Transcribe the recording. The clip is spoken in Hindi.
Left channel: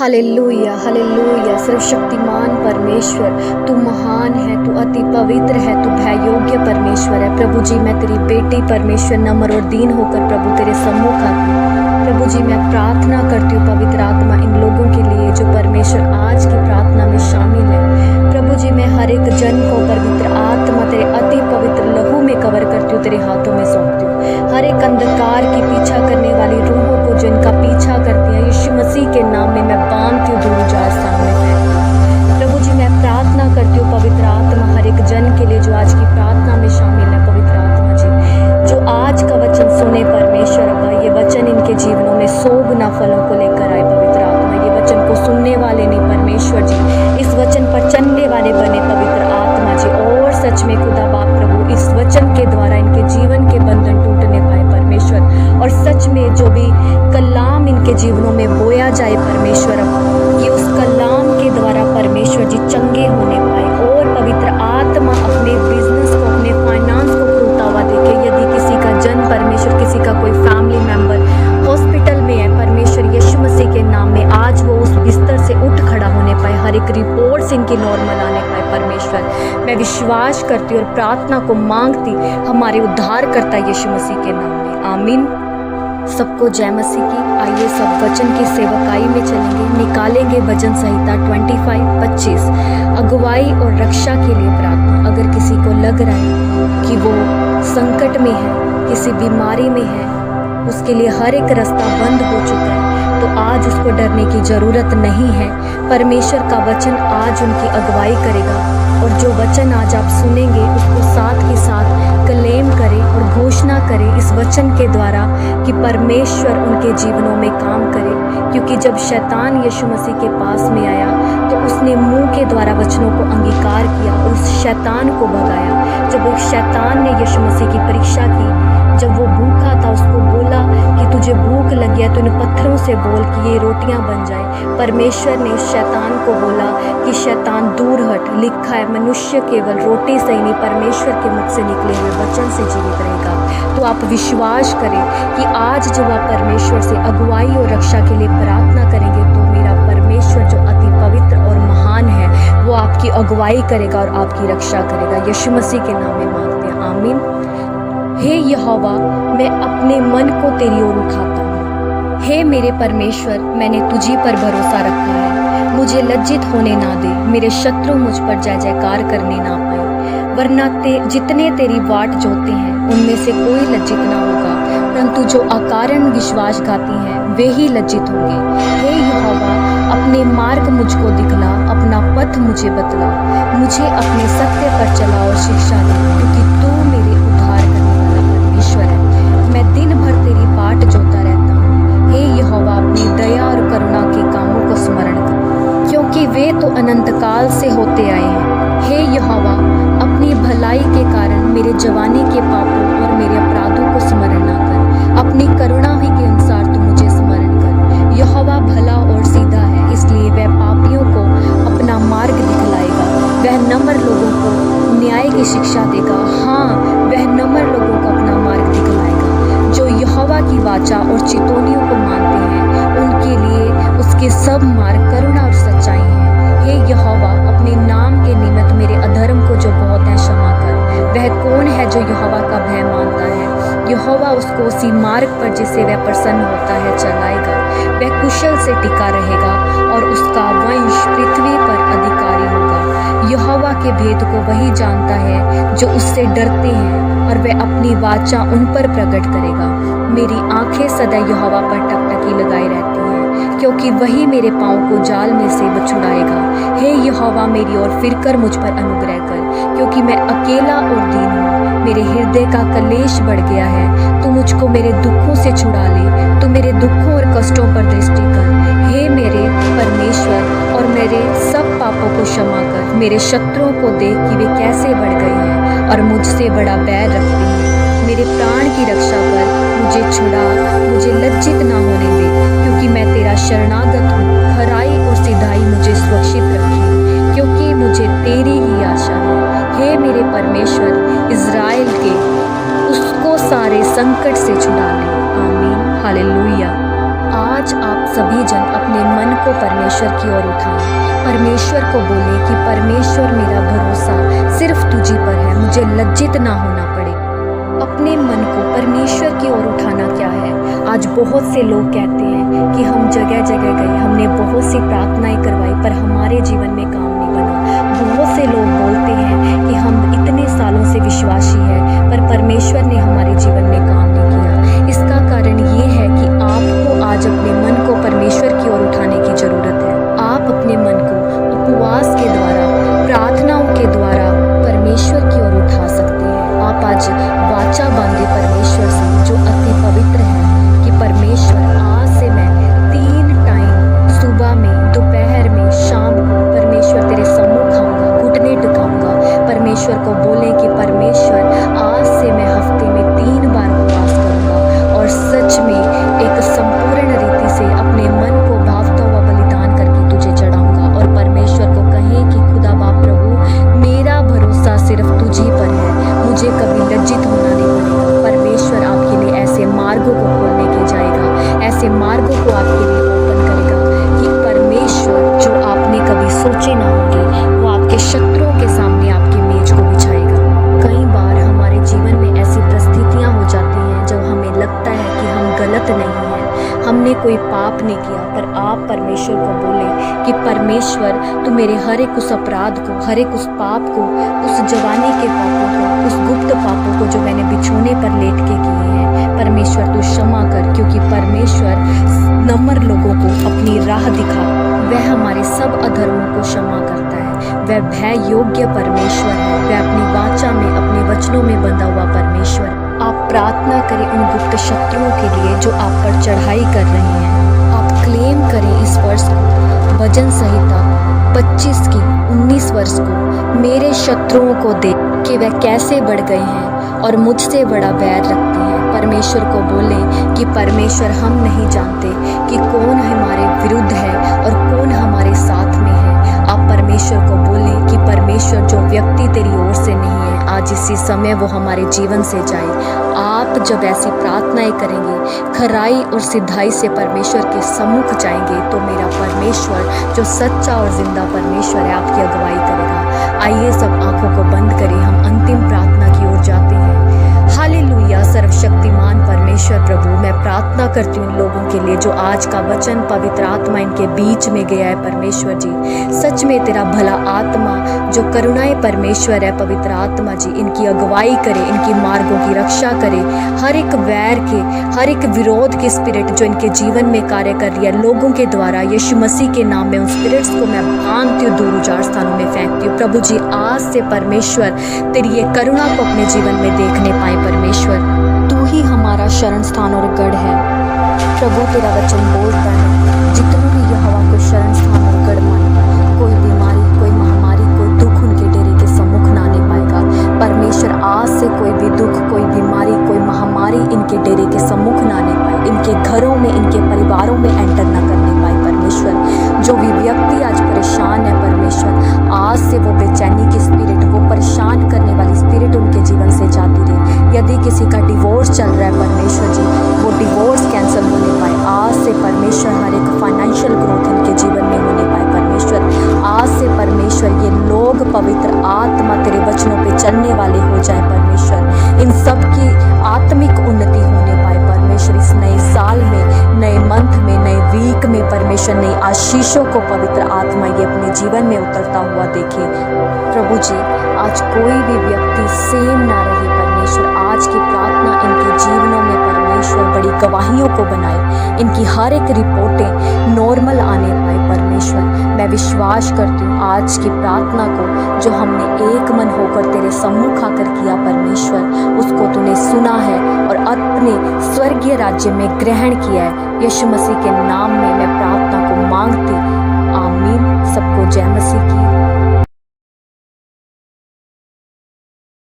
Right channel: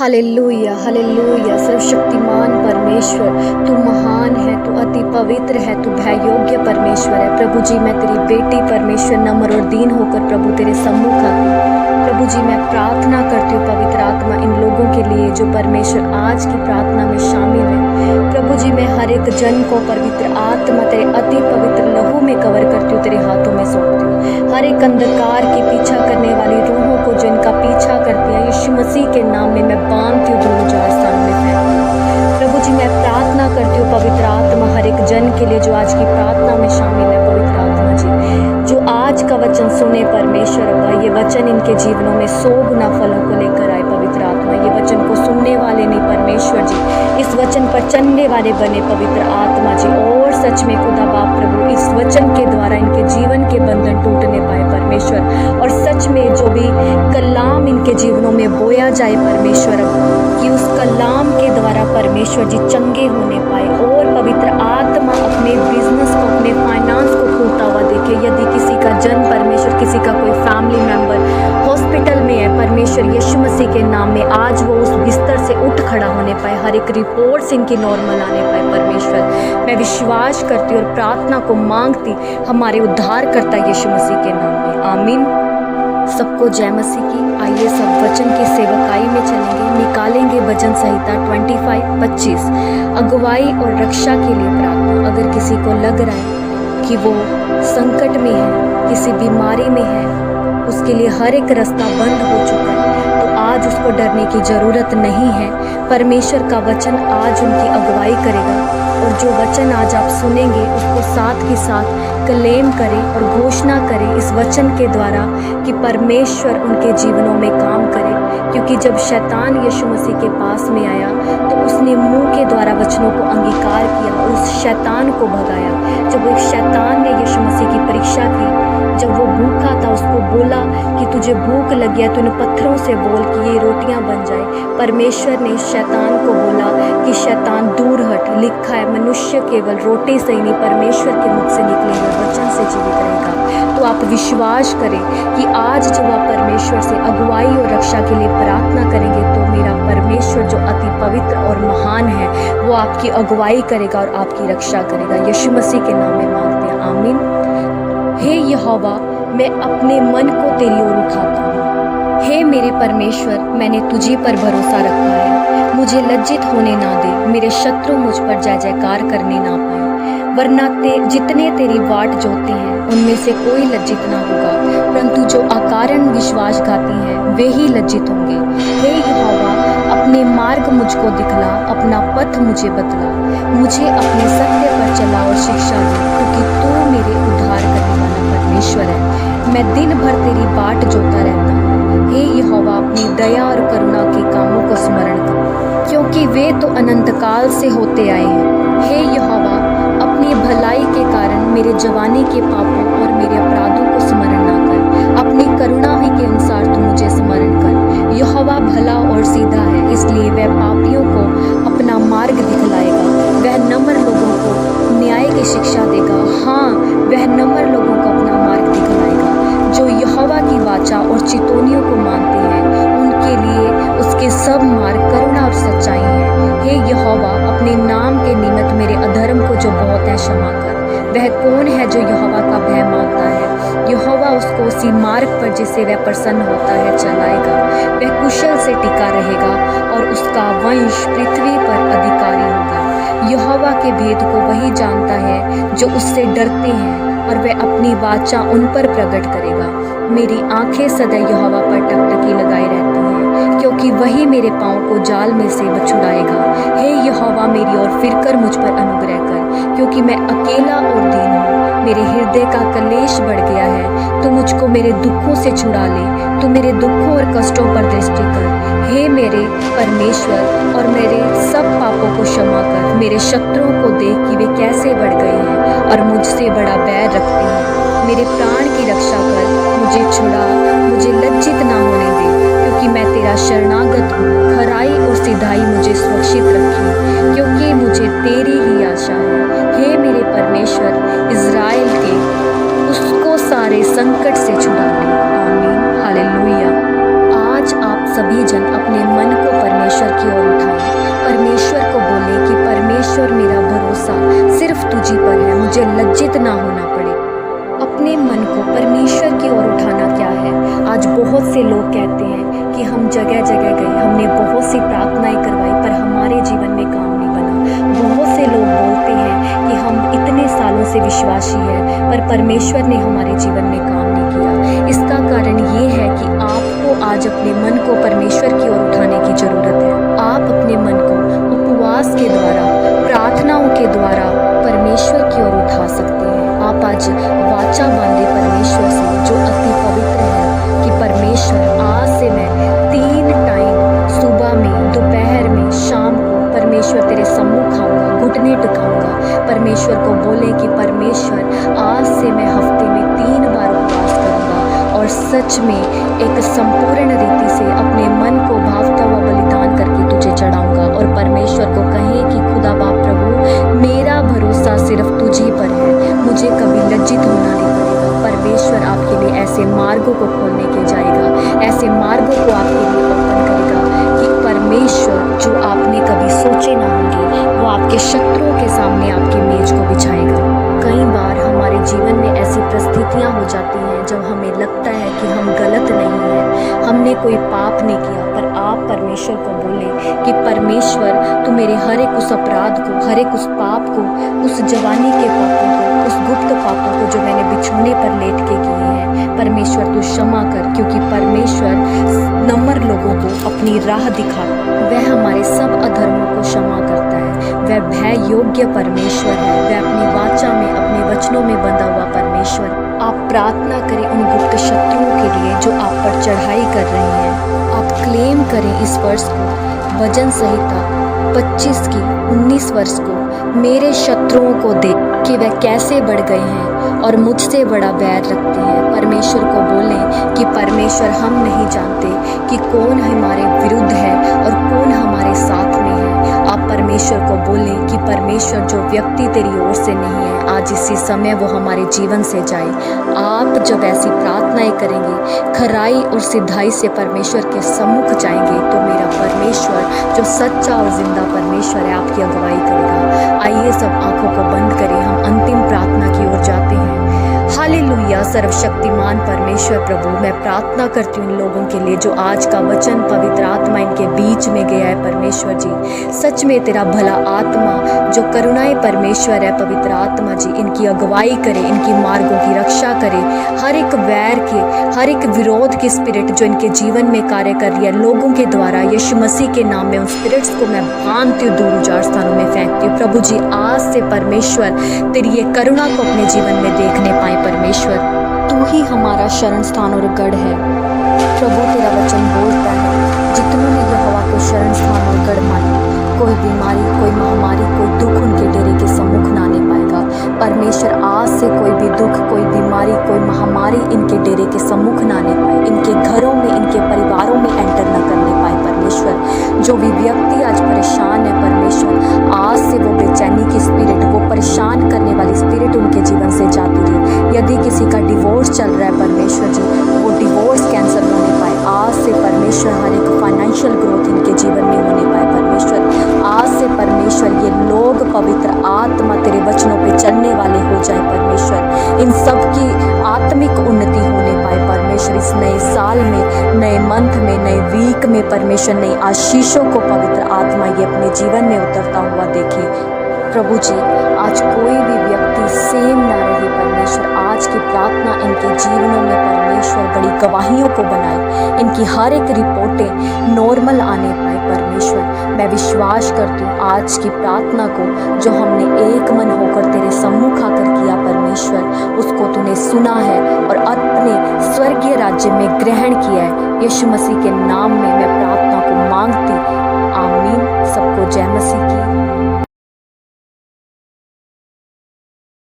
Hallelujah hallelujah. सर्वशक्तिमान परमेश्वर, तू महान है, तू अति पवित्र है, तू भय योग्य परमेश्वर है। प्रभु जी, मैं तेरी बेटी परमेश्वर नम्र और दीन होकर प्रभु तेरे सम्मुख आती। प्रभु जी, मैं प्रार्थना करती हूँ पवित्र आत्मा इन लोगों के लिए जो परमेश्वर आज की प्रार्थना में शामिल है। प्रभु जी, मैं हर एक जन को पवित्र आत्मा तेरे अति पवित्र लहू में कवर करती हूँ, तेरे हाथों में सौंपती हूँ। हर एक अंधकार की पीछा करने वाली रूहों को जो इनका पीछा करती है, यीशु मसीह के नाम में मैं बांधती हूँ, दूर उजाड़ स्थान में फेंकती हूँ। प्रभु जी, मैं प्रार्थना करती हूँ पवित्र आत्मा हर एक जन के लिए जो आज की प्रार्थना में शामिल है। पवित्र आत्मा जी, जो आज का वचन सुने परमेश्वर अब्बा, ये वचन इनके जीवनों में 100 गुना फलों को लेकर आए। पवित्र आत्मा, ये वचन को सुनने वाले नहीं परमेश्वर जी, इस वचन पर चलने वाले बने पवित्र आत्मा जी। और सच में खुदा बाप प्रभु, इस वचन के द्वारा इनके जीवन के बंधन टूटने पाए परमेश्वर। और सच में जो भी कलाम इनके जीवनों में बोया जाए परमेश्वर, कि उस कलाम के द्वारा परमेश्वर जी चंगे होने पाए। और पवित्र आत्मा अपने बिजनेस को, अपने फाइनेंस को खुलता हुआ देखे। यदि किसी का जन परमेश्वर, किसी का कोई फैमिली मेंबर हॉस्पिटल में है परमेश्वर, यीशु मसीह के नाम में आज वो उस बिस्तर से उठ खड़ा होने पाए, हर एक रिपोर्ट्स इनकी नॉर्मल आने पाए परमेश्वर। मैं विश्वास करती और प्रार्थना को मांगती हमारे उद्धारकर्ता यीशु मसीह के नाम में, आमीन। सबको जय मसीह की। आइए सब वचन की सेवकाई में चलेंगे। निकालेंगे भजन संहिता 25-25, अगुवाई और रक्षा के लिए प्रार्थना। अगर किसी को लग रहा है कि वो संकट में है, किसी बीमारी में है, उसके लिए हर एक रास्ता बंद हो चुका है, तो आज उसको डरने की ज़रूरत नहीं है। परमेश्वर का वचन आज उनकी अगुवाई करेगा। और जो वचन आज आप सुनेंगे उसको साथ ही साथ क्लेम करें और घोषणा करें इस वचन के द्वारा कि परमेश्वर उनके जीवनों में काम करे। क्योंकि जब शैतान यीशु मसीह के पास में आया तो उसने मुंह के द्वारा वचनों को अंगीकार किया और उस शैतान को भगाया। जब एक शैतान ने यीशु मसीह की परीक्षा की, जब वो भूखा था, उसको बोला कि तुझे भूख लगी है तो इन पत्थरों से बोल कि ये रोटियां बन जाए। परमेश्वर ने शैतान को बोला कि शैतान दूर हट, लिखा है मनुष्य केवल रोटी से ही नहीं परमेश्वर के मुख से निकले हुए वचन से जीवित रहेगा। तो आप विश्वास करें कि आज जब आप परमेश्वर से अगुवाई और रक्षा के लिए प्रार्थना करेंगे तो मेरा परमेश्वर जो अति पवित्र और महान है वो आपकी अगुवाई करेगा और आपकी रक्षा करेगा। यीशु मसीह के नाम में मांगते हैं, आमीन। हे यहोवा, मैं अपने मन को तेरी ओर उठाता हूँ। हे मेरे परमेश्वर, मैंने तुझी पर भरोसा रखा है। मुझे लज्जित होने ना दे, मेरे शत्रु मुझ पर जय जयकार करने ना पाए। वरना जितने तेरी बाट जोते हैं उनमें से कोई लज्जित ना होगा, परंतु जो अकारण विश्वासघाती हैं वे ही लज्जित होंगे। हे यहोवा, अपने मार्ग मुझको दिखला, अपना पथ मुझे बतला। मुझे अपने सत्य पर चला और शिक्षा दे, क्योंकि तू मेरे उद्धार करने वाला परमेश्वर है। मैं दिन भर तेरी बाट जोता रहता हूँ। हे यहोवा, अपनी दया और करुणा के कामों को स्मरण कर, क्योंकि वे तो अनंत काल से होते आए हैं। हे यहोवा, अपनी भलाई के कारण मेरे जवानी के पापों और मेरे अपराधों को स्मरण ना कर। अपनी करुणा ही के अनुसार तू मुझे स्मरण कर। यहोवा भला और सीधा है, इसलिए वह पापियों को अपना मार्ग दिखलाएगा। वह नम्र लोगों को न्याय की शिक्षा देगा। हाँ, वह नम्र लोगों को अपना मार्ग दिखलाएगा। जो यहोवा की वाचा और चितौनियों को मानते हैं उनके लिए उसके सब मार्ग करुणा और सच्चाई हैं। हे यहोवा, अपने नाम के निमित्त मेरे अधर्म को जो बहुत है क्षमा कर। वह कौन है जो यहोवा का भय मानता है? यहोवा उसको उसी मार्ग पर जिससे वह प्रसन्न होता है चलाएगा। वह कुशल से टिका रहेगा और उसका वंश पृथ्वी पर अधिकारी होगा। यहोवा के भेद को वही जानता है जो उससे डरते हैं, और वह अपनी वाचा उन पर प्रकट करेगा। मेरी आंखें सदा यहोवा पर टकटकी लगाई रहती हैं, क्योंकि वही मेरे पाँव को जाल में से छुड़ाएगा। हे यहोवा, मेरी ओर फिरकर मुझ पर अनुग्रह कर, क्योंकि मैं अकेला और दीन हूँ। मेरे हृदय का कलेश बढ़ गया है। तू मुझको मेरे दुखों से छुड़ा ले। तू मेरे दुखों और कष्टों पर दृष्टि कर। हे मेरे परमेश्वर, और मेरे सब पापों को क्षमा कर। मेरे शत्रुओं को देख कि वे कैसे बढ़ गए हैं और मुझसे बड़ा बैर रखते हैं। मेरे प्राण की रक्षा कर, मुझे छुड़ा, मुझे लज्जित ना होने दे, क्योंकि मैं तेरा शरणागत हूँ। खराई और सिधाई मुझे सुरक्षित रखे, क्योंकि मुझे तेरी ही आशा है। हे मेरे परमेश्वर, इज़राइल के उसको सारे संकट से छुड़ा ले, आमीन। हालेलुया। आज आप सभी जन अपने मन को परमेश्वर की ओर उठाएं। परमेश्वर को बोले कि परमेश्वर मेरा भरोसा सिर्फ तुझी पर है, मुझे लज्जित ना होना पड़े। अपने मन को परमेश्वर की ओर उठाना क्या है? आज बहुत से लोग कहते हैं कि हम जगह जगह गए, हमने बहुत सी प्रार्थनाएं करवाई पर हमारे जीवन में काम नहीं बना। बहुत से लोग बोलते हैं कि हम इतने सालों से विश्वासी हैं पर परमेश्वर ने हमारे जीवन में काम नहीं किया। इसका कारण ये है कि आपको आज अपने मन को परमेश्वर की ओर उठाने की ज़रूरत है। आप अपने मन को उपवास के द्वारा, प्रार्थनाओं के द्वारा परमेश्वर की ओर उठा सकते हैं। आप आज वाचा बांधे परमेश्वर से जो अति पवित्र है कि परमेश्वर आज से मैं 3 टाइम सुबह में, दोपहर में, शाम को परमेश्वर तेरे सम्मुख आऊँगा, घुटने टिकाऊंगा। परमेश्वर को बोले कि परमेश्वर आज से मैं हफ्ते में 3 बार उपवास करूँगा और सच में एक संपूर्ण रीति से अपने मन को भावता हुआ बलिदान करके तुझे चढ़ाऊंगा और परमेश्वर को कहें कि खुदा बाप प्रभु मेरा भरोसा सिर्फ तुझी पर है, मुझे कभी लज्जित होना नहीं पड़ेगा। परमेश्वर आपके लिए ऐसे मार्गों को खोलने के जाएगा, ऐसे मार्गों को आपके लिए ओपन करेगा कि परमेश्वर जो आपने कभी सोचे ना होंगे वो आपके शत्रुओं के सामने आपकी मेज को बिछाएगा। कई बार हमारे जीवन में ऐसी परिस्थितियां हो जाती हैं जब हमें लगता है कि हम गलत नहीं हैं, हमने कोई पाप नहीं किया, पर आप परमेश्वर को बोले कि परमेश्वर तू मेरे हर एक उस अपराध को, हर एक उस पाप को, उस जवानी के पापों को, उस गुप्त पापों को जो मैंने बिछोने पर लेट के किए हैं, परमेश्वर तू क्षमा कर। क्योंकि परमेश्वर नम्र लोगों को अपनी राह दिखाता, वह हमारे सब अधर्मों को क्षमा करता है। वह भय योग्य परमेश्वर है, वह अपनी वाचा में, अपने वचनों में बंधा हुआ परमेश्वर। आप प्रार्थना करें उन गुप्त शत्रुओं के लिए जो आप पर चढ़ाई कर रहे हैं। आप क्लेम करें इस वर्ष को, भजन संहिता 25 की 19 वर्ष को, मेरे शत्रुओं को देख कि वह कैसे बढ़ गए हैं और मुझसे बड़ा बैर रखते हैं। परमेश्वर को बोलें कि परमेश्वर हम नहीं जानते कि कौन हमारे विरुद्ध है और कौन हमारे साथ में है। आप परमेश्वर को बोलें कि परमेश्वर जो व्यक्ति तेरी ओर से नहीं है आज इसी समय वो हमारे जीवन से जाए। आप जब ऐसी प्रार्थनाएं करेंगे, खराई और सिधाई से परमेश्वर के सम्मुख जाएंगे तो मेरा परमेश्वर जो सच्चा और जिंदा परमेश्वर है आपकी अगुवाई करेगा। आइए सब आंखों को बंद करें, हम अंतिम प्रार्थना की ओर जाते हैं। हालेलुया। सर्वशक्तिमान परमेश्वर प्रभु, मैं प्रार्थना करती हूँ इन लोगों के लिए जो आज का वचन पवित्र आत्मा इनके बीच में गया है। परमेश्वर जी सच में तेरा भला आत्मा जो करुणाएं परमेश्वर है, पवित्र आत्मा जी इनकी अगुवाई करे, इनकी मार्गों की रक्षा करे। हर एक वैर के, हर एक विरोध की स्पिरिट जो इनके जीवन में कार्य कर रही है लोगों के द्वारा, यीशु मसीह के नाम में उन स्पिरिट्स को मैं बांधती हूँ, दूर उजाड़ स्थानों में फेंकती हूँ। प्रभु जी आज से परमेश्वर तेरी ये करुणा को अपने जीवन में देखने पाए। परमेश्वर तू ही हमारा शरण स्थान और गढ़ है। प्रभु तेरा वचन बोलता है जितनों ने यहोवा को शरण स्थान और गढ़ माना, कोई बीमारी, कोई महामारी, कोई दुख उनके डेरे के सम्मुख ना आने पाएगा। परमेश्वर आज से कोई भी दुख, कोई बीमारी, कोई महामारी इनके डेरे के सम्मुख ना आने पाए, इनके घरों में, इनके परिवारों में एंटर ना करने पाए। परमेश्वर जो भी व्यक्ति आज परेशान है परमेश्वर, आज से वो बेचैनी की स्पिरिट, वो परेशान करने वाली स्पिरिट उनके जीवन से जाती रहे। यदि किसी का डिवोर्स चल रहा है परमेश्वर जी, वो डिवोर्स कैंसिल होने पाए। आज से परमेश्वर हर एक फाइनेंशियल ग्रोथ इनके जीवन में होने पाए। परमेश्वर आज से परमेश्वर ये लोग पवित्र आत्मा तेरे वचनों पे चलने वाले हो जाए। परमेश्वर इन सब की आत्मिक उन्नति होने पाए। परमेश्वर इस नए साल में, नए मंथ में, नए वीक में परमेश्वर नई आशीषों को पवित्र आत्मा ये अपने जीवन में उतरता हुआ देखे। प्रभु जी आज कोई भी व्यक्ति सेम ना रहे। परमेश्वर आज की प्रार्थना इनके जीवनों में परमेश्वर बड़ी गवाहियों को बनाए, इनकी हर एक रिपोर्टें नॉर्मल आने पाए। परमेश्वर मैं विश्वास करती हूँ आज की प्रार्थना को जो हमने एक मन होकर तेरे सम्मुख आकर किया परमेश्वर, उसको तूने सुना है और अपने स्वर्गीय राज्य में ग्रहण किया है। यीशु मसीह के नाम में मैं प्रार्थना को मांगती। आमीन। सबको जय मसीह की।